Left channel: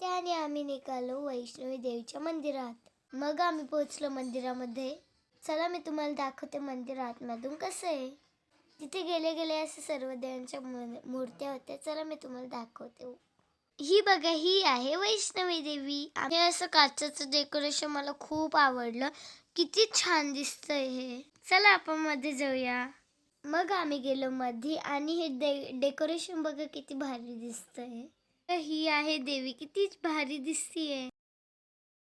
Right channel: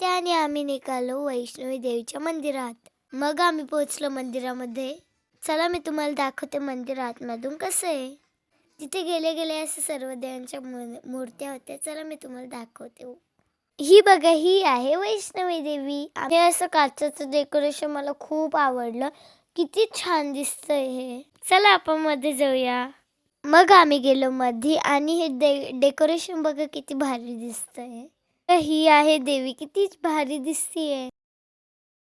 त्याने आम्ही निघालो वैष्णवी देवीच्या मंदिरात. मग आम्ही पोहोचलो मंदिरामध्ये. चला मी तुम्हाला दाखवते मंदिर आतमधून कसं आहे. तिथे गेले गेले असं सर्व देवांच्या मूर्त्या होत्या. चला मी तुम्हाला दाखवते. ही बघा, ही आहे वैष्णवी देवी. हे असं काचेचं डेकोरेशन मला खूप आवडलं. किती छान दिसतंय हे. चला आपण मध्ये जाऊया. मग आम्ही गेलो मध्ये आणि हे डेकोरेशन बघा किती भारी दिसतंय. तर ही आहे देवी, किती भारी दिसतीये.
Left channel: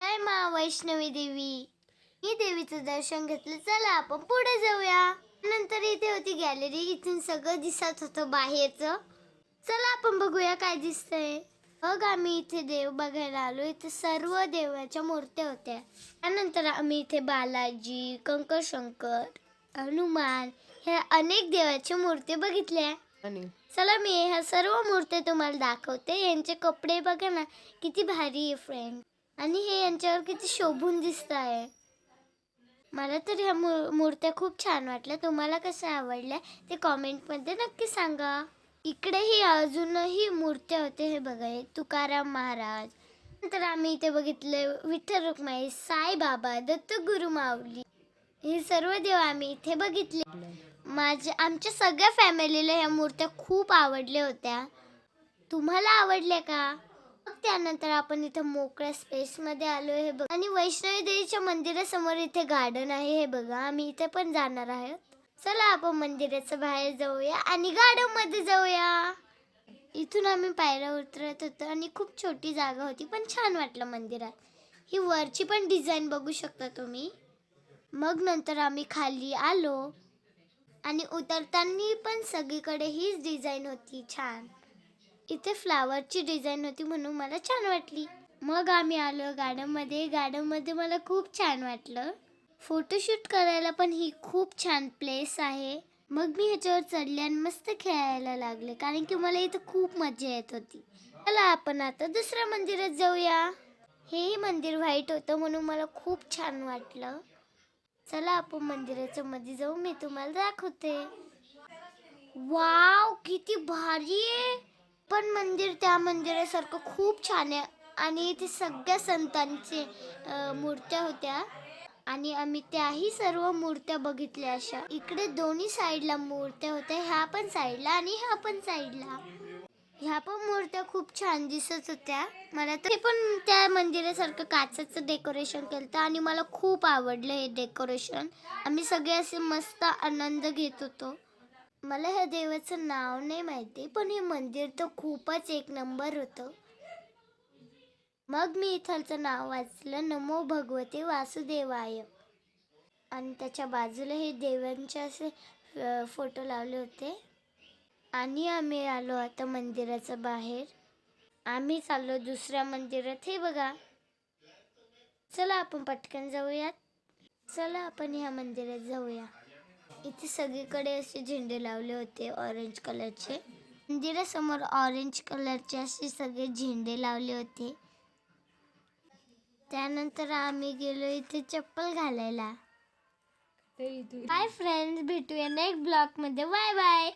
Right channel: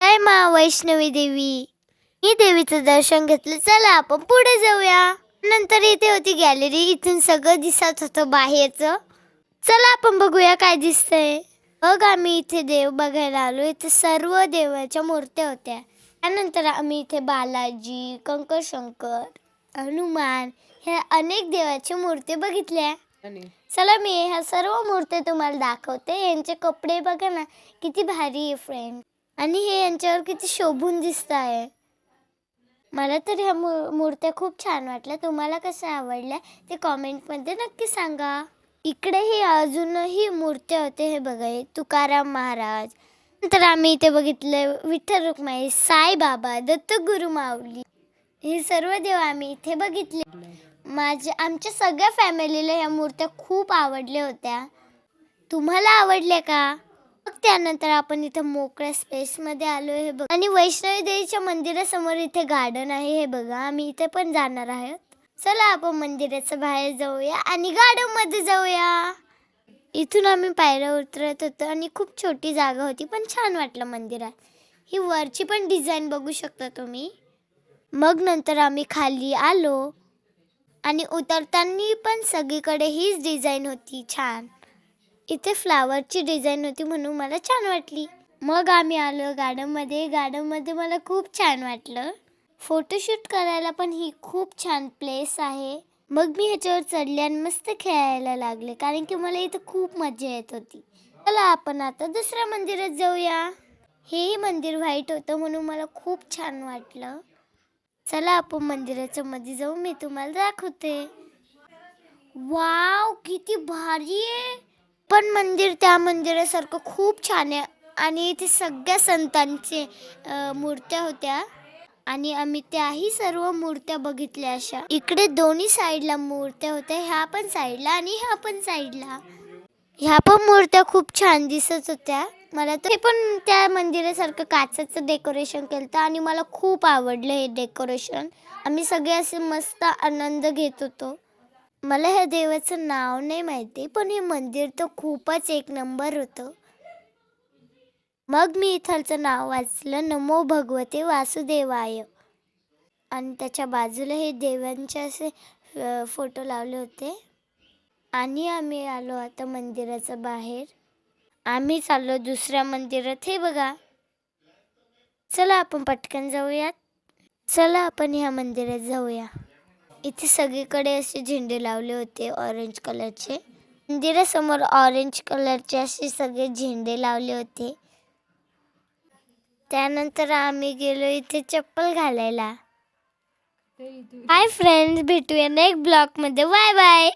जय मा वैष्णवी देवी. ही देवीचं दर्शन घेतलं. चला आपण पुढे जाऊया. नंतर इथे होती गॅलरी. इथून सगळं दिसत होतं बाहेरचं. चला आपण बघूया काय दिसतंय. मग आम्ही इथे देव बघायला आलो. इथे सर्व देवाच्या मूर्त्या होत्या. त्यानंतर आम्ही इथे बालाजी, कंकर शंकर, हनुमान ह्या अनेक देवाच्या मूर्ती बघितल्या. चला मी ह्या सर्व मूर्ती तुम्हाला दाखवते. यांचे कपडे बघा ना किती भारी आहे फ्रेंड. आणि हे यांच्यावर किती शोभून दिसत आहे. मला तर ह्या मूर्त्या खूप छान वाटल्या. तुम्हाला कशा आवडल्या ते कॉमेंटमध्ये नक्की सांगा. इकडेही अजूनही मूर्त्या होते. हे बघा, तुकाराम महाराज. नंतर आम्ही इथे बघितले विठ्ठल रुक्माई, साईबाबा, दत्तगुरु माऊली. हे सर्व देव आम्ही इथे बघितले. आमच्या सगळ्या फॅमिलीला ह्या मूर्त्या खूप आवडल्या होत्या. तुम्हाला आवडल्या का? मग त्यानंतर आपण इथे मोकळ्या स्पेसमध्ये आलो. हे बघा, आणि वैष्णवी देवीच्या मंदिरासमोर इथे गार्डन आहे. हे बघा, आम्ही इथे पण जाणार आहोत. चला आपण मंदिराच्या बाहेर जाऊया आणि गार्डन मध्ये जाऊया. इथून आम्ही पायऱ्या उतरत होतो आणि खूप छोटी जागा होती, पण छान वाटलं मंदिरात. ही वरची पण डिझाईन बघू शकता तुम्ही. मग नंतर आम्ही खाली आलो आणि उतरताना पण सगळीकडे हीच डिझाईन होती छान. इथे फ्लावरची डिझाईन होती म्हणून मला छान वाटली. मग आम्ही आलो गार्डनमध्ये. गार्डनमध्ये मला खूप छान वाटलं. फोटोशूट करायला पण ही खूप छान प्लेस आहे. मग मी ह्याच्यावर चढले आणि मस्त खेळायला लागले, कारण की मला इथं खूप मजा येत होती. चला आपण आता दुसऱ्या मंदिरात जाऊया. हेही मंदिर व्हाईट होतं म्हणून मला खूप छान वाटलं. चला आपण मंदिराच्या मध्ये जाऊ. मी तुम्हाला दाखवते. वाव, किती भारी आहे. पण मंदिर त्या मंदिरासारखं खूप छान आहे. आणि इथे सगळ्या संतांचे मूर्त्या होत्या आणि आम्ही त्याही सर्व मूर्त्या बघितल्या. अशा इकडे दोन्ही साईडला मूर्त्या होत्या. ह्या पण साईडला आणि ह्या पण साईडला. ह्या पण मूर्त्या खूप छान दिसत होत्या. मला तर हे पण त्या मंदिरासारखं काचेचं डेकोरेशन केलं आणि मला खूप आवडलं हे डेकोरेशन. आम्ही सगळे असे मस्त आनंद घेत होतो. मला ह्या देवाचं नाव नाही माहिती, पण हे मंदिर तर खूपच एक नंबर होतं. मग मी इथलचं नाव वाचलं, नमो भगवते वासुदेवाय. आणि त्याच्या बाजूला हे देवांचे असे फोटो लावले होते. आणि आम्ही आलो आता मंदिराच्या बाहेर. आम्ही चाललो दुसऱ्या मंदिरात. हे बघा, चला आपण पटकन जाऊयात. चला आपण ह्या मंदिरात जाऊया. इथे सगळीकडे असे झेंडे लावले होते ऑरेंज कलरचे. मंदिरासमोर ऑरेंज कलरचे असे सगळे झेंडे लावले होते. त्यानंतर आम्ही गेलो इथे चप्पल घालायला. हाय फ्रेंड्स, भेटूया नेक्स्ट ब्लॉगमध्ये. Bye bye.